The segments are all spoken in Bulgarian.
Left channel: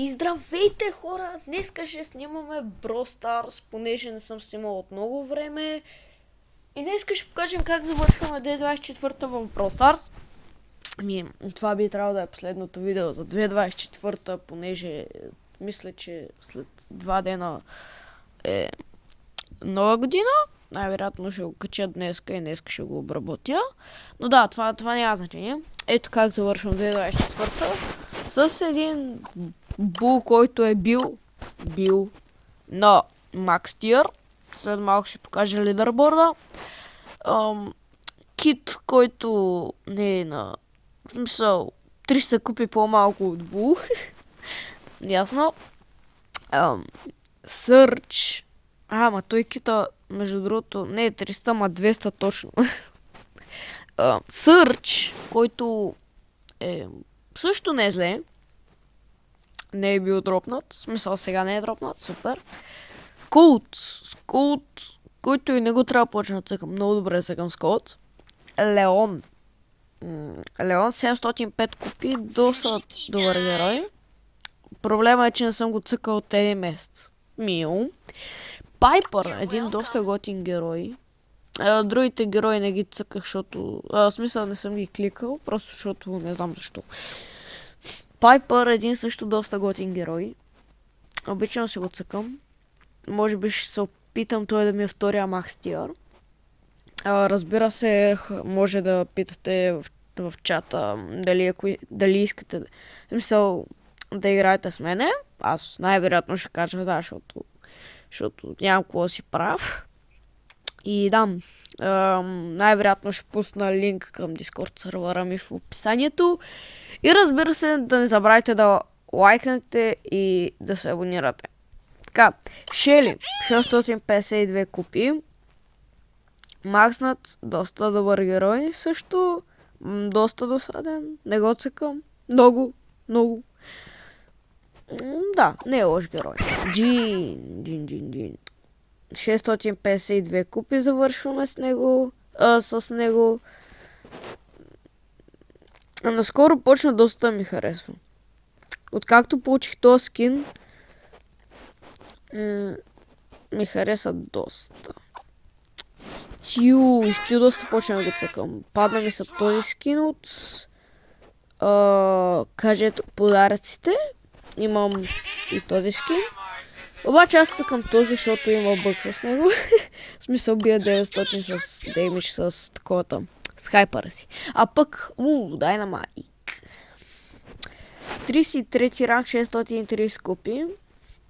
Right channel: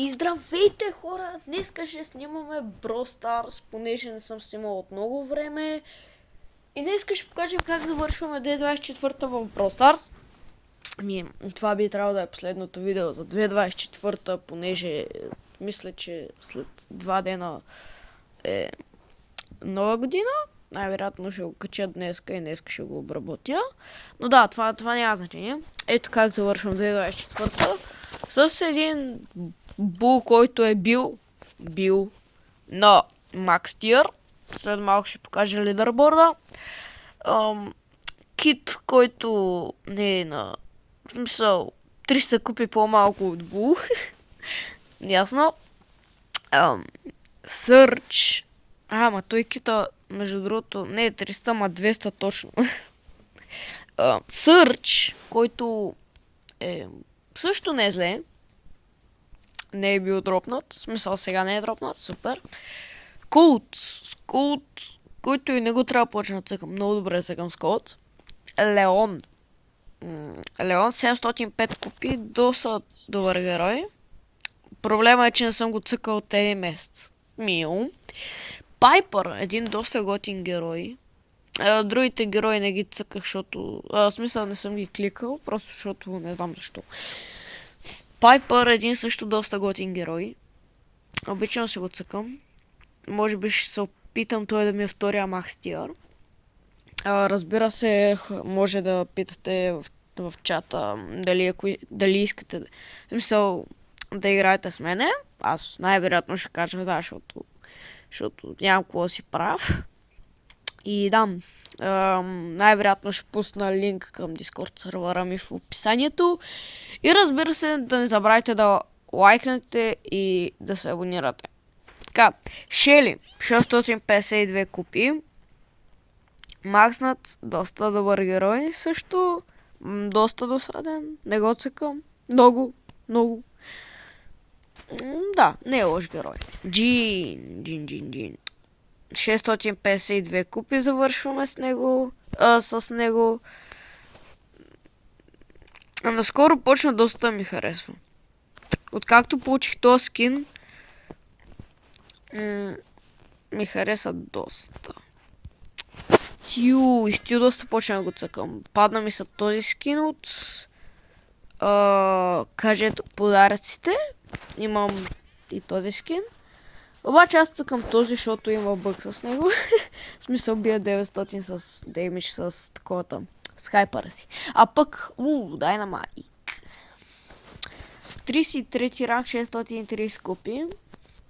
И здравейте хора! Днеска ще снимаме Brawl Stars, понеже не съм снимал от много време. И днеска ще покажем как завършваме 2024 в Brawl Stars. Това би трябвало да е последното видео за 2024, понеже мисля, че след 2 дена е нова година. Най-вероятно ще го кача днеска и днеска ще го обработя. Но да, това няма значение. Ето как завършвам 2024 с един бул, който е бил на Max Tier. След малко ще покажа лидерборда. Кит, който не е на... В смисъл, 300 купи по-малко от бул. Ясно. Сърч. Ама той кита, между другото, не е 300, ама 200 точно. Сърч, който е... също не е зле. Не е бил дропнат. В смисъл, сега не е дропнат. Супер. Колт, който и не го трябва да почна да цъкам. Много добре цъкам с Колт. Леон. Леон 705 купи. Доста добър герой. Проблема е, че не съм го цъкал от един месец. Мил. Пайпър. Един доста готин герой. Другите герои не ги цъках, защото... в смисъл не съм ги кликал, просто защото не знам защо. Пайпър един също доста готин герой. Обичам си го цъкам. Може би ще се опитам той да ми е втория Max Tier. Разбира се, може да питате в чата дали искате в смисъл да играете с мене. Аз най-вероятно ще кажа да, защото нямам какво да си прав. И да, най-вероятно ще пусна линк към Discord сервера ми в описанието. И разбира се, да не забравяйте да лайкнете и да се абонирате. Така, Шели, 652 купи. Макснат, доста добър герой, също доста досаден, не го цъкам, много. Да, не е лош герой. Джин. 652 купи завършваме с него. Наскоро почна доста да ми харесва. Откакто получих този скин, ми хареса доста. Стю доста почна да го цъкам. Падна ми са този скин от кажете подаръците. Имам и този скин. Обаче аз цъкам този, защото има бъг с него. В смисъл бия 900 с деймидж с таковата. С хайпара си. А пък, Dynamite. 33 ранг, 630 купи.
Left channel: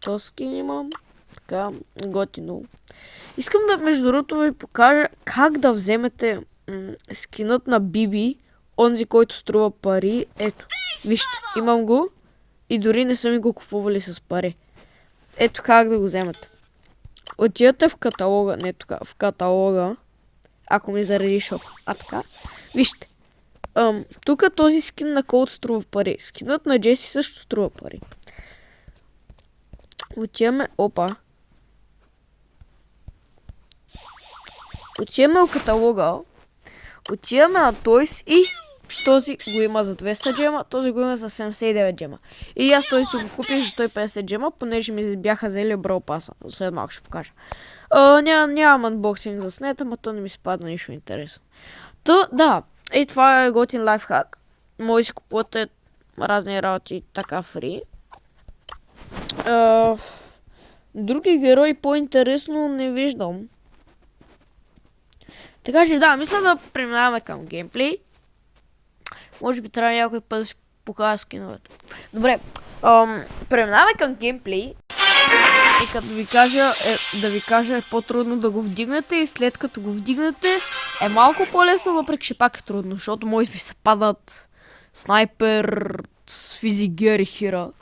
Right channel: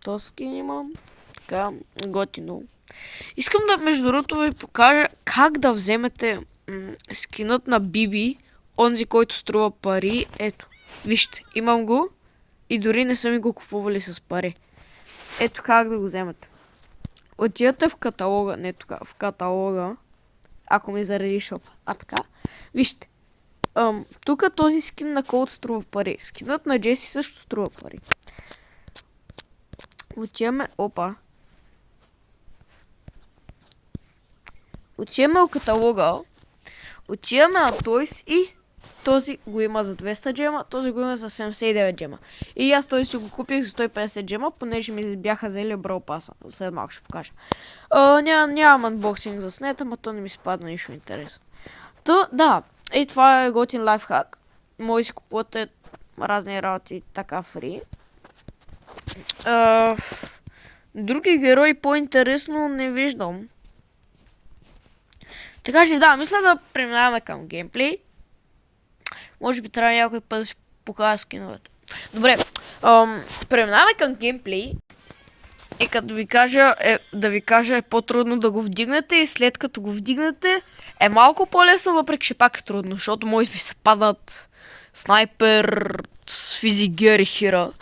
Този скин имам. Така, готино. Искам да, между другото, ви покажа как да вземете скинът на Биби, онзи, който струва пари. Ето, вижте, имам го и дори не са ми го купували с пари. Ето как да го вземете. Отидете в каталога, не тук, в каталога, ако ми зареди шоп. Така, вижте. Тук този скин на Колт струва пари. Скинът на Джеси също струва пари. Отиваме, отиваме в каталога, отиваме на Toys и този го има за 200 джема, този го има за 79 джема. И аз той си го купих за 150 джема, понеже ми бяха взели Brawl Pass. След малко ще покажа. Нямам анбоксинг за снета, но то не ми се падна нищо интересно. Да, и това е готин лайфхак. Може да си купувате разни работи така фри. Други герои по-интересно не виждам. Така че да, мисля да преминаваме към геймплей. Може би трябва някой път да си покажа скиновете. Добре, преминаваме към геймплей. И като ви кажа е по-трудно да го вдигнете и след като го вдигнете е малко по-лесно, въпреки че пак е трудно, защото може ви се падат снайпер, физигер и хира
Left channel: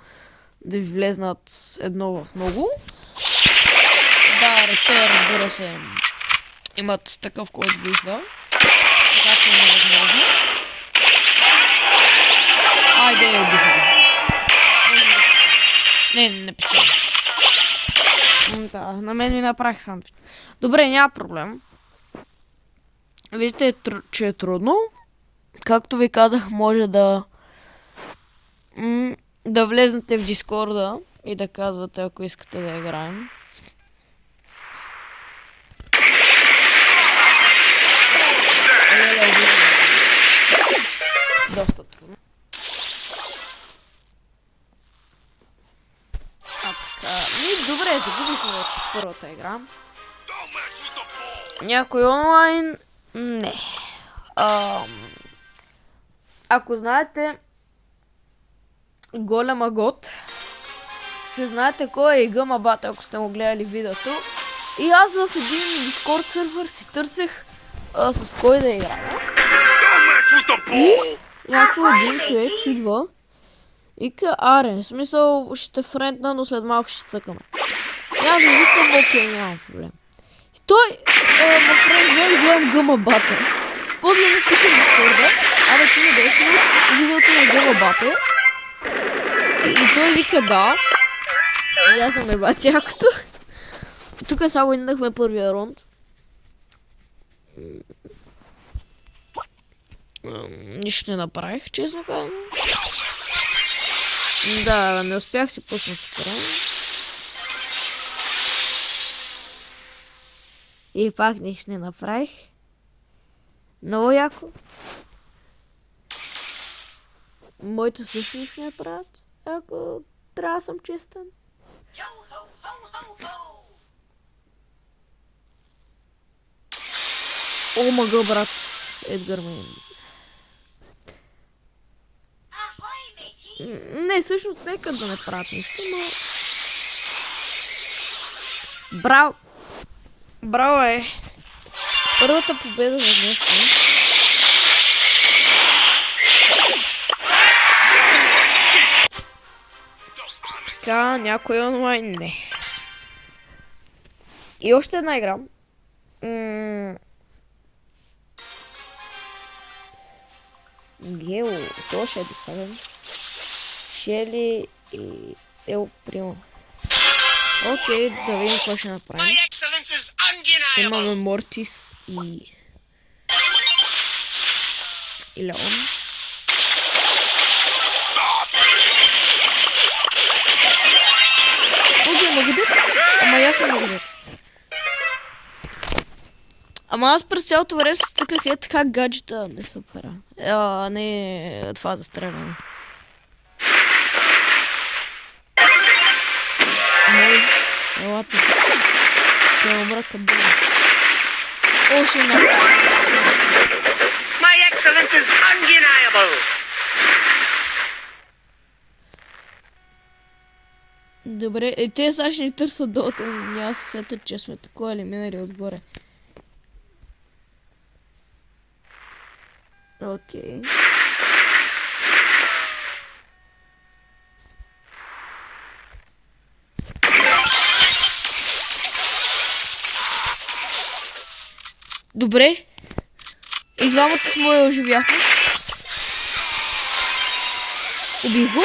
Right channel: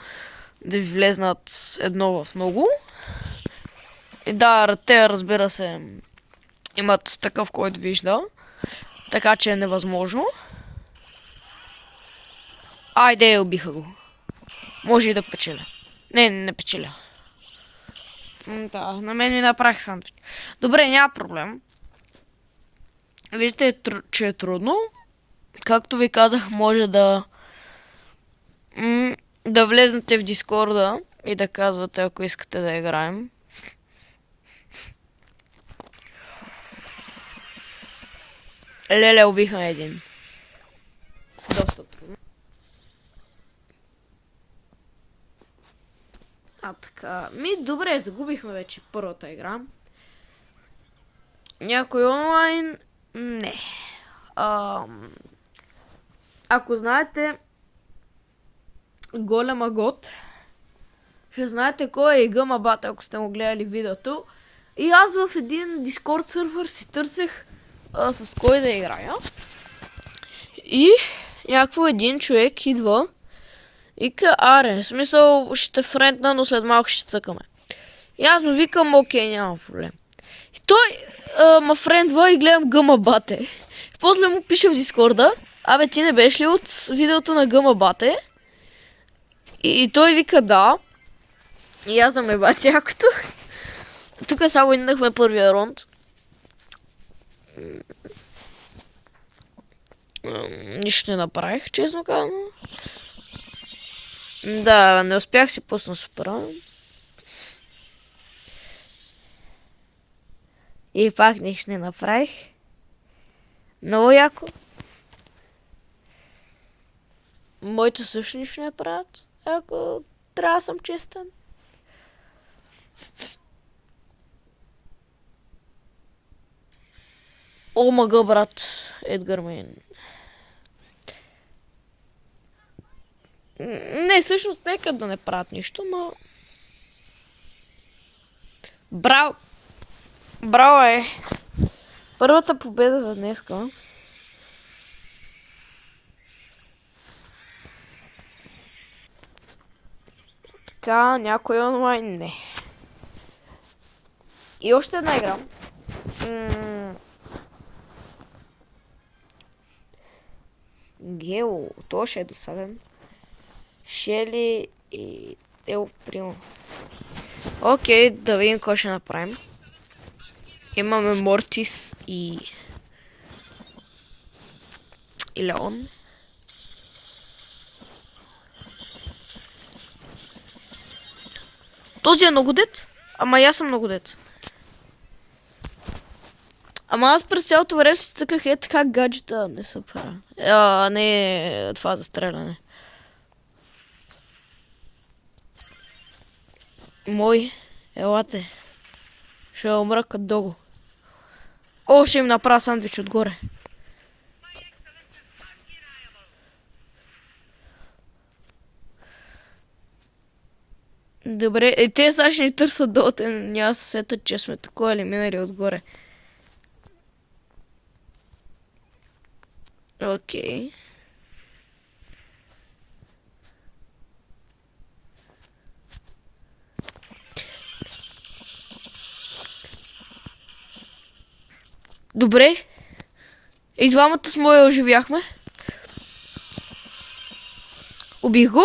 да ви влезнат едно в много. И да, те разбира се имат такъв, който вижда, така че е невъзможно. Айде, убиха го. Може и да печели. Не печели. Да, на мен ми направих сандвич. Добре, няма проблем. Виждате, че е трудно. Както ви казах, може да да влезнете в Дискорда и да казвате, ако искате да играем. Леле, убихме един. Доста трудно. Така, добре, загубихме вече първата игра. Някой онлайн? Не. Ако знаете Голема Гот, ще знаете кой е Гъма Бат, ако сте му гледали видеото. И аз в един Дискорд сървър си търсех с кой да играя. И някакво един човек идва и ка, аре, в смисъл ще френдна, но след малко ще цъкаме. И аз му викам, окей, няма проблем. И той ма френдва и гледам Гъма Бате. После му пише в Дискорда, абе ти не беше от видеото на Гъма Бате? И той вика да. И аз съм еба цякото. Тук само иднахме първия рунд. Нищо не направих, честно казано. Да, не успях си пусна супера. И пак нищо не направих. Много яко. Моите също нищо не правят. Ако трябва да съм честен. О, мага, брат. Едгар Мейн. Не, всъщност нека да не правят нищо, но... Браво! Браво е! Първата победа за днес. Така, някой онлайн? Не. И още една игра. Гео, то ще е досаден. Шели и Ел Примо. Окей, да видим какво ще направим. Имаме Мортис и Леон. Този е многодет, ама аз съм многодет. Ама аз през цялото време се цъках така гаджета, не са пара. Не това да стреляме. Мой, елате. Ще умра към долу. О, ще им направя съм за фигура. Добре, те сега ще ни търсят долу, няма се сетят, че сме такова елиминали отгоре. Окей. Добре. И двамата с моя оживяхме. Убих го.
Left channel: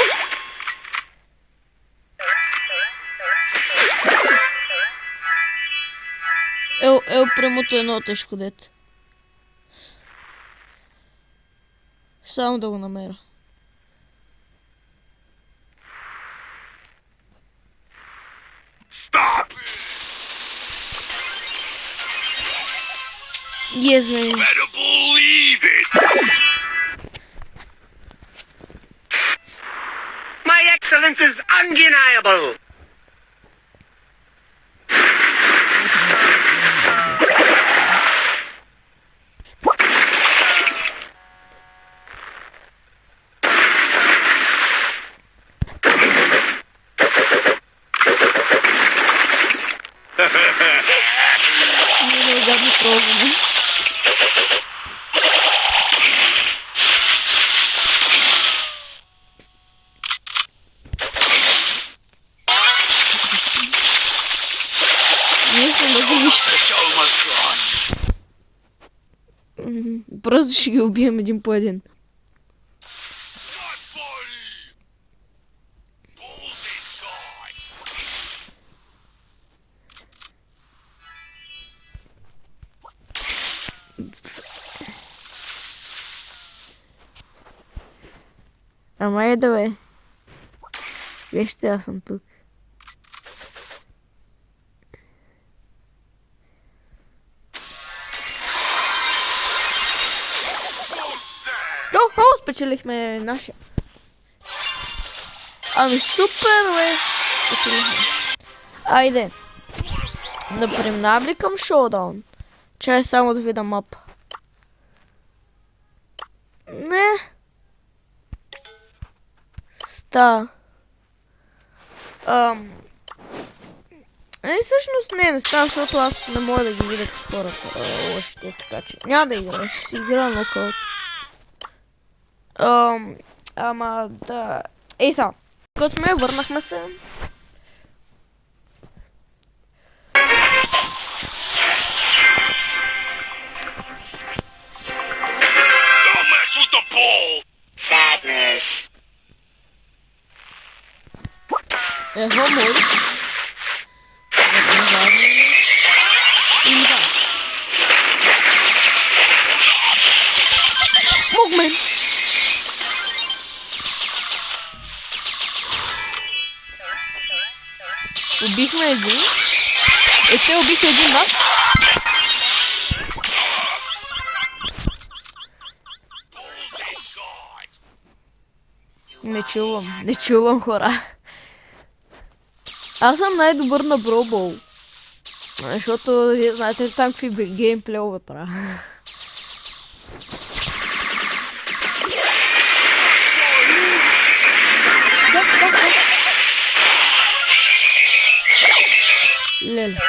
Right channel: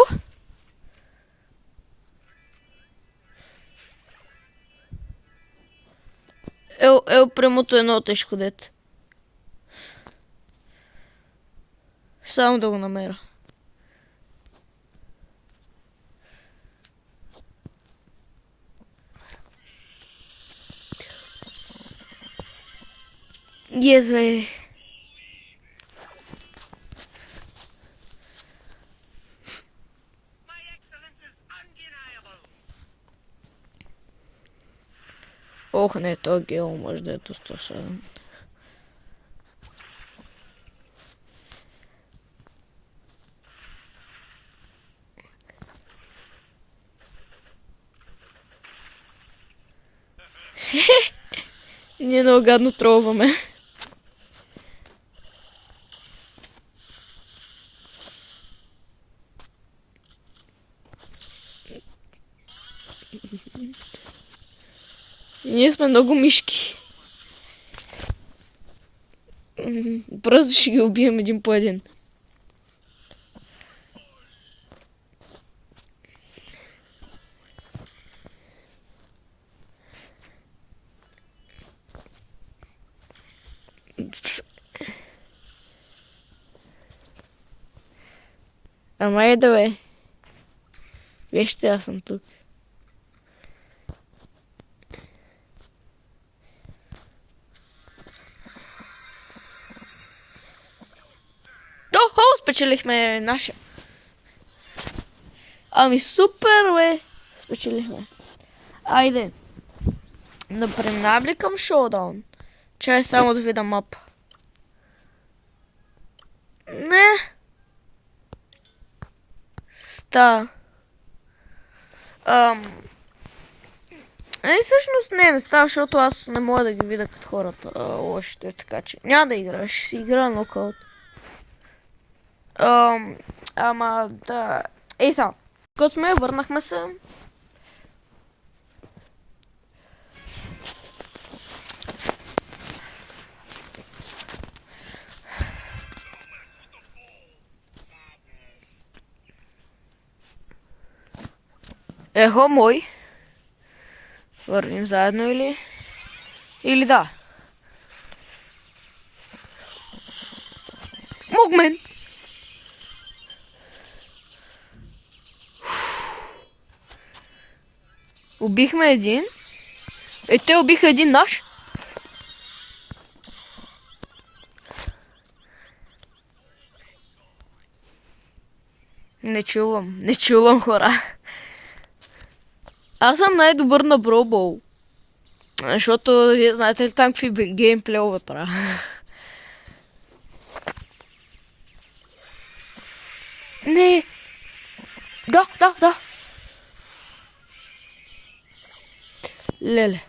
Премото е много тежко дете. Само да го намеря. Yes, man. My excellence is undeniable. Ох, не, ние много гадно тролваме. Ние сме много мишки. Просто ще ги убием един по един. Ама да бе. Вижте, аз съм тук. Охо, спечелихме нашия. Ами супер, бе. Спечелихме. Айде. Да преминавам ли към шоудаун? Чай само да видя мапа. Не. Всъщност не става, защото аз не мога да ги видя като хората лошите, така че няма да играя, ще си игра нокаут. Ама да... Ей са, като сме, върнахме се. Don't mess with the ball. Sadness. Ехо, мой. Върнем заедно или... Или да. Могмен! Убихме един. Те убиха един наш. Не чувам хора. Аз съм най-добър на Бробол. Защото, вие знаете ли там какви геймплейове правя. Не. Да. Леле.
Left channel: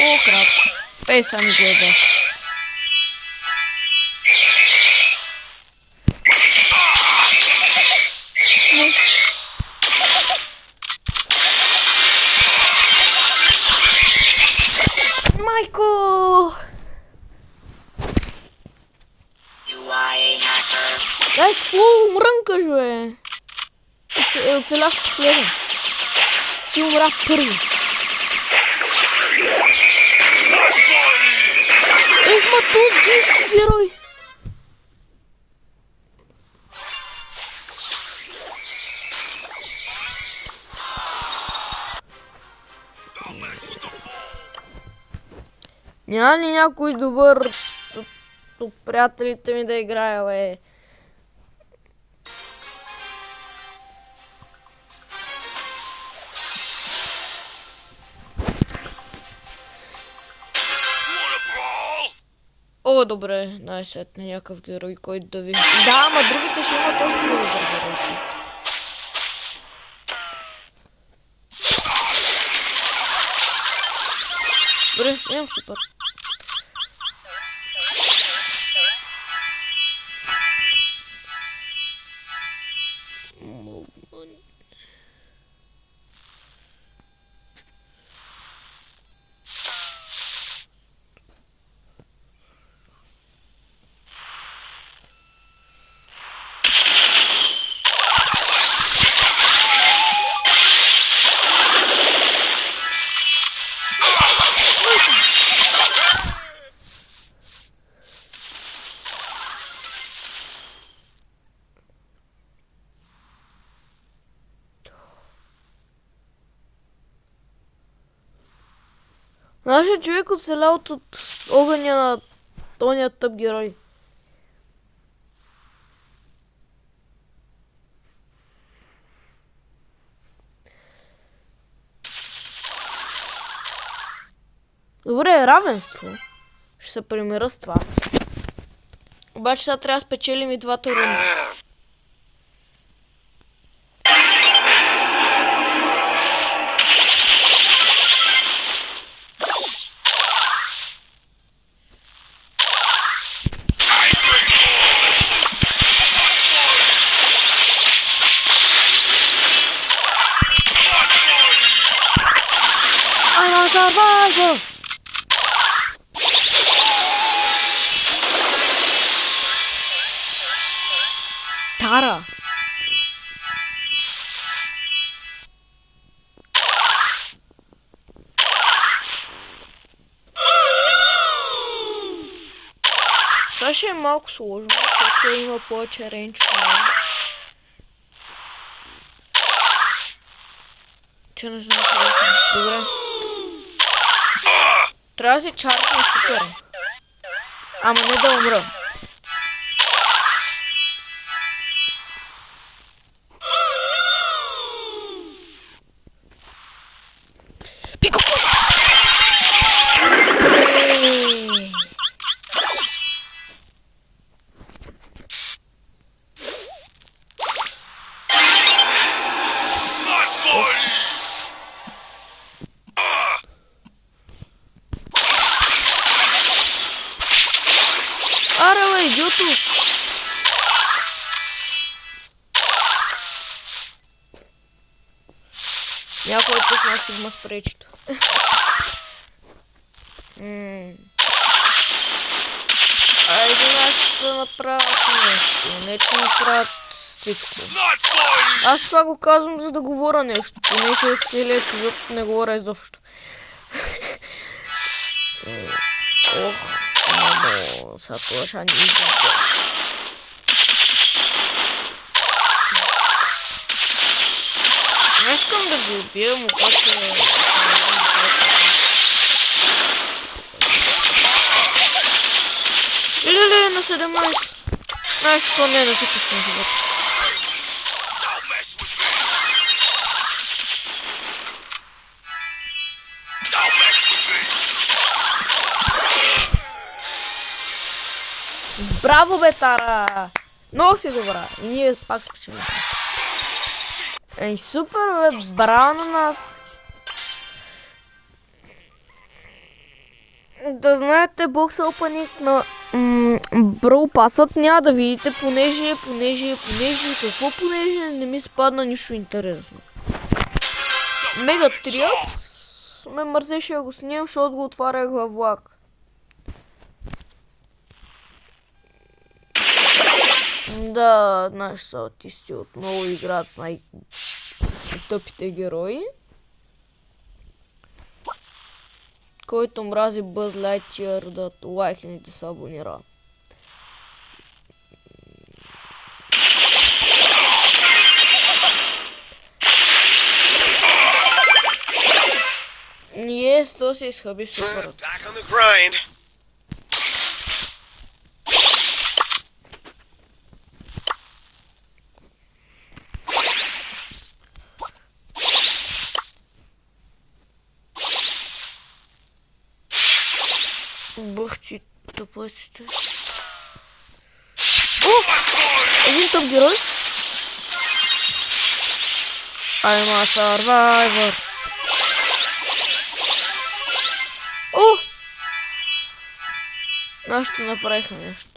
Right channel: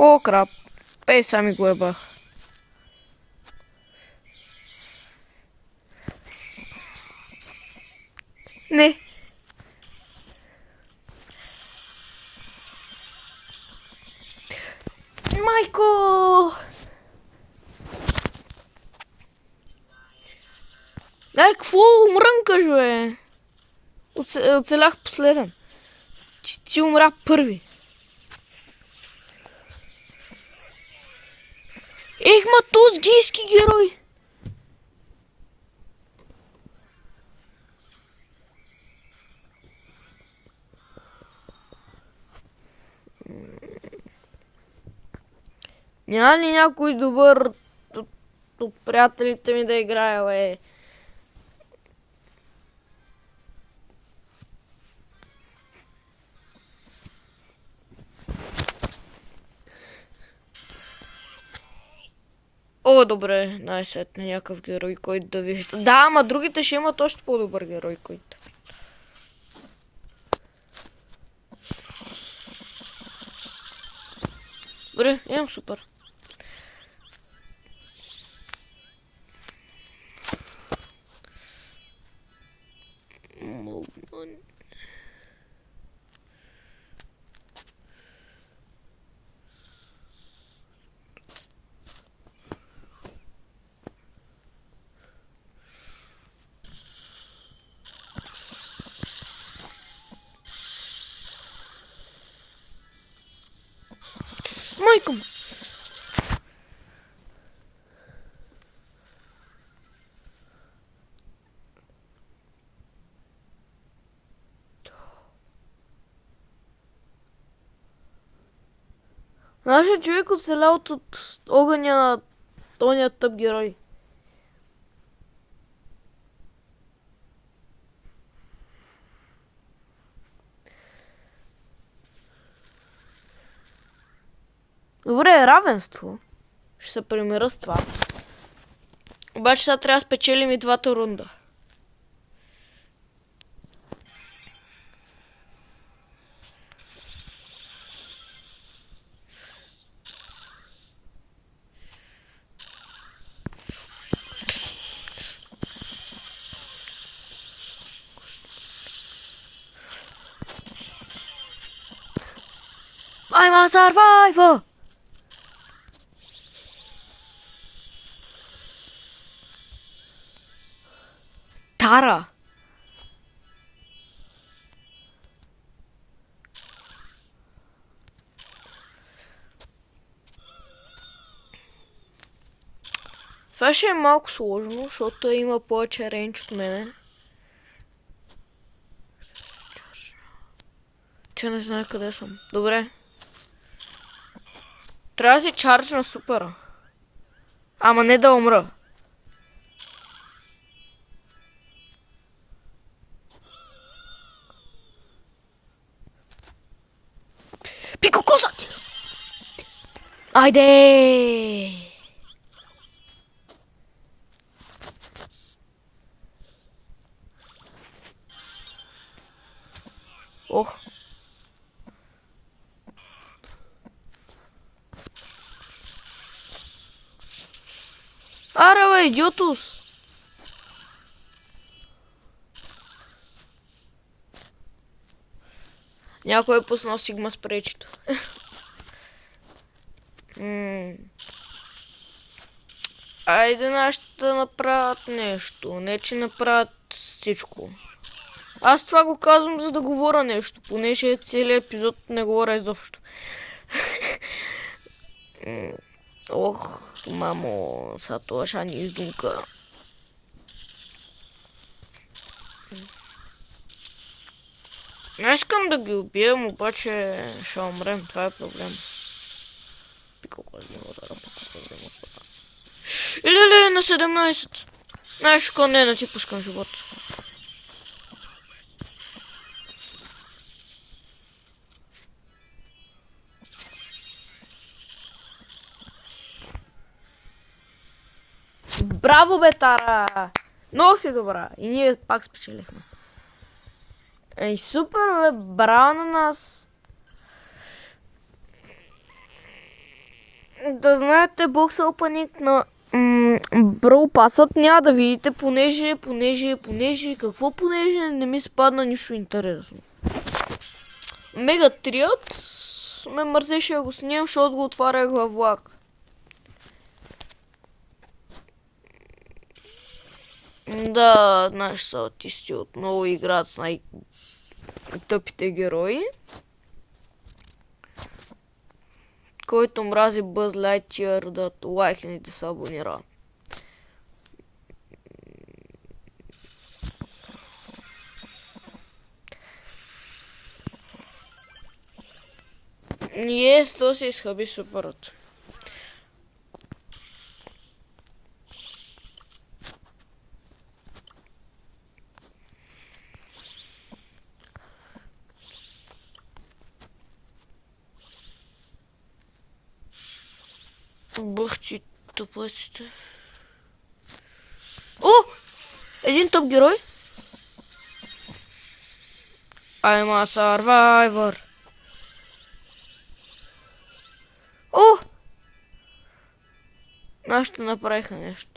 О, крап. Ей, сами го еба. Не. Майко! Дай, какво умрънкаш, бе? Оцелях последен. Ти умря първи. Ех, матузгийски герой! Няма ли някой добър от приятелите ми да играе, бе? О, добре, най-сетне някакъв герой, който да ви... Да, ама другите ще имат още по-добър герой. Добре, имам супер. Нашият човек оцелял от огъня на тония тъп герой. Добре, равенство. Ще се примира с това. Обаче сега трябва да спечелим и двата рунда. I'm a survivor! Tara! Това ще е малко сложно, защото има повече рейндж в нея. Че не знам къде съм. Добре. Трябва да си чарджна супер. Ама не да умра. Пико коза! Айде! Ох. Аре, бе, идиото! Някой пусна Сигма с пречето. Айде нас да направят нещо, не че направят всичко. Аз това го казвам, за да говоря нещо, понеже целият епизод не говоря изобщо. Ох, мамо, са това ще ни издинка. Не искам да ги убием, обаче ще умрем в това. Леле, на 17. Знаеш, какво не е на типичен живот. Браво, бе, Тара! Много си добра. И ние пак спечелихме. Ей, супер, бе, браво на нас. Да знаете, бокс опаник на Брол пасът няма да видите, понеже, не ми спадна нищо интересно. Мега трият ме мързеше да го снимам, защото го отварях във влак. Да, наши са аутисти отново играят с най-тъпите герои. Който мрази Бъз Лайтиър да лайкне и да се абонира. Yes, то се изхъби супер. Бах ти тъпъците. О! Един топ герой. I'm a survivor. О! Нашето направиха нещо.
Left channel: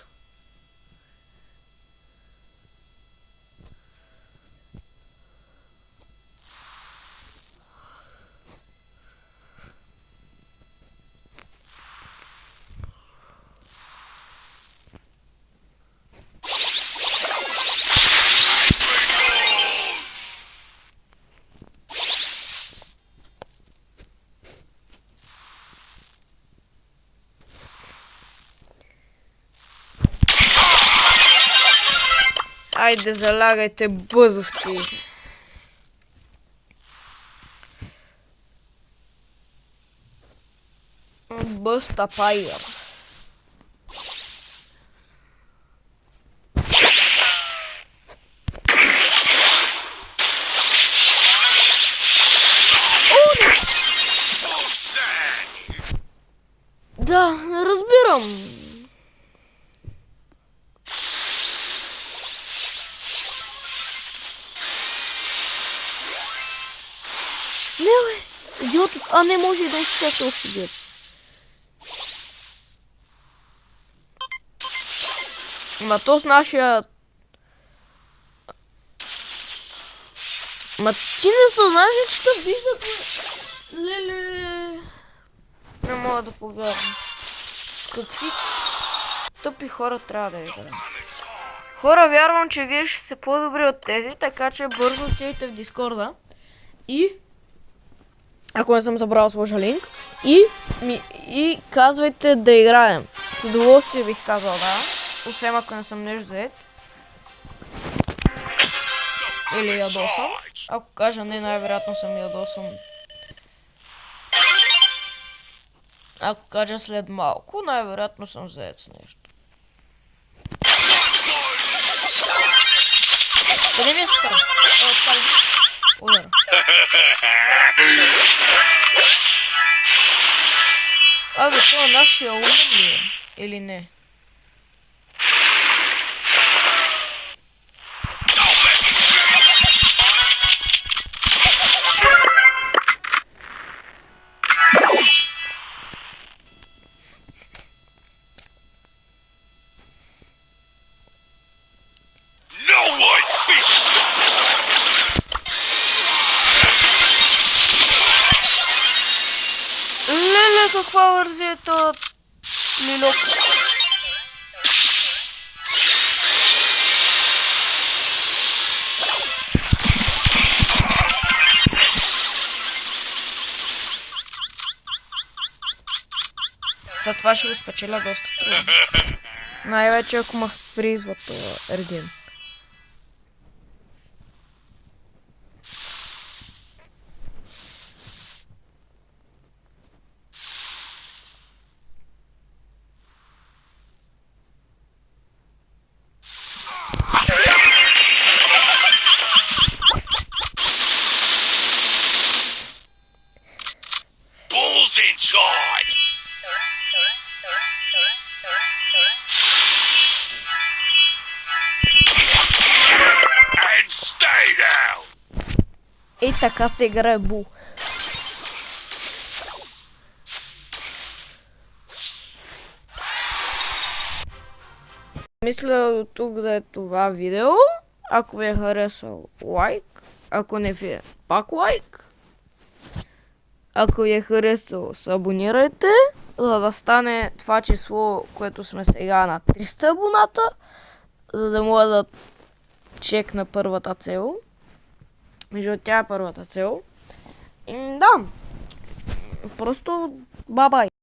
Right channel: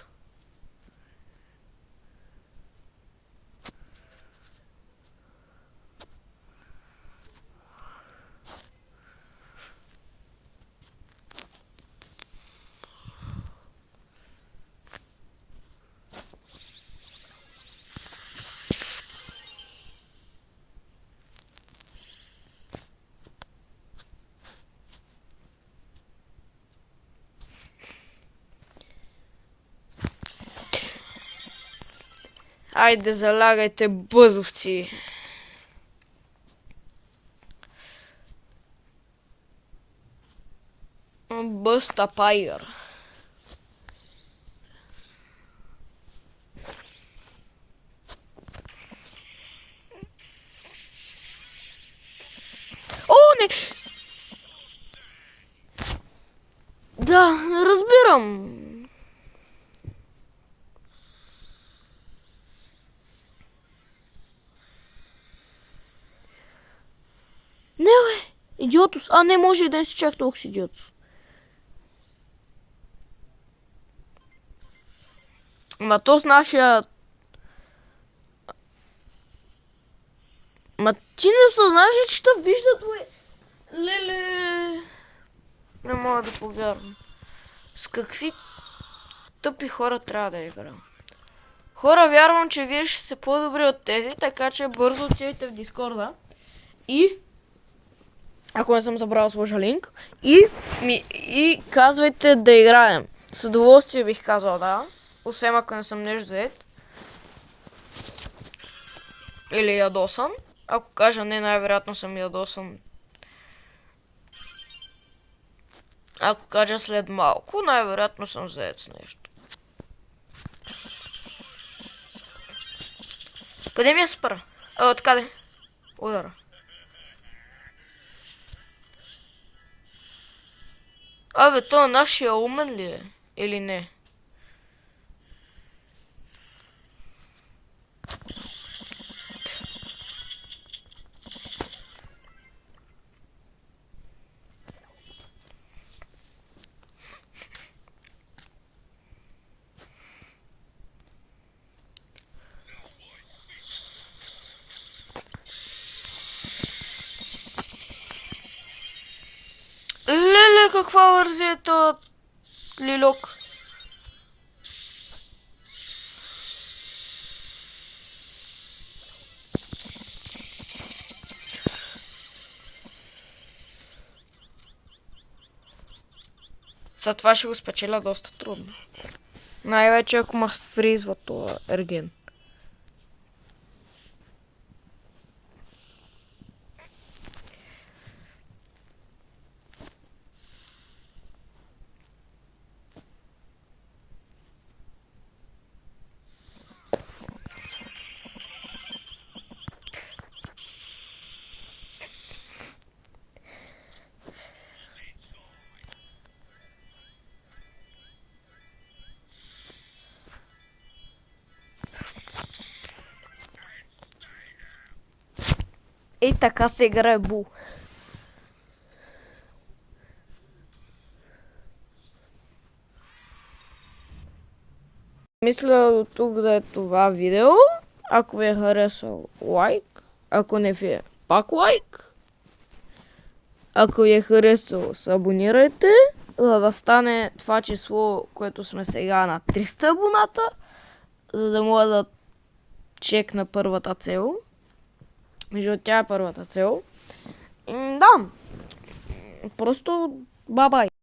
Айде, залягайте, бъзовци! Бъста Пайгър. О, не! Да, разбирам. Не, бе, идиотът. А, не може да не си чак толкова идиот. Ма то с нашия... Ма ти не съзнаш, че ще виждат, бе. Леле. Не мога да повярвам. С какви тъпи хора трябва да играем. Хора, вярвам, че вие ще сте по-добри от тези, така че бързо отидете в Дискорда. И... ако не съм забрал, сложа линк. И казвайте да играем. С удоволствие бих казал, да. освен ако не съм нещо заед. Или ядосан. Ако кажа не, най-вероятно съм ядосан. Ако кажа след малко, най-вероятно съм заед с нещо. Къде ми е супер? Така ли? Удара. Абе, това нашия умен ли е? Или не? No one fishes. Леле, каква вързия е този лилок? За това ще го спечеля доста трудно. Най-вече ако ме фризва това ерген. Balls inside. And stay down. И така се играе бул. Мисля до тук да е това видео. Ако ви е харесал, лайк. Ако не ви е, пак лайк. Ако ви е харесал, се абонирайте, за да стане това число, което сме сега на 300 абоната, за да мога да чекна първата цел. Между тя е първата цел. Да, просто бабай.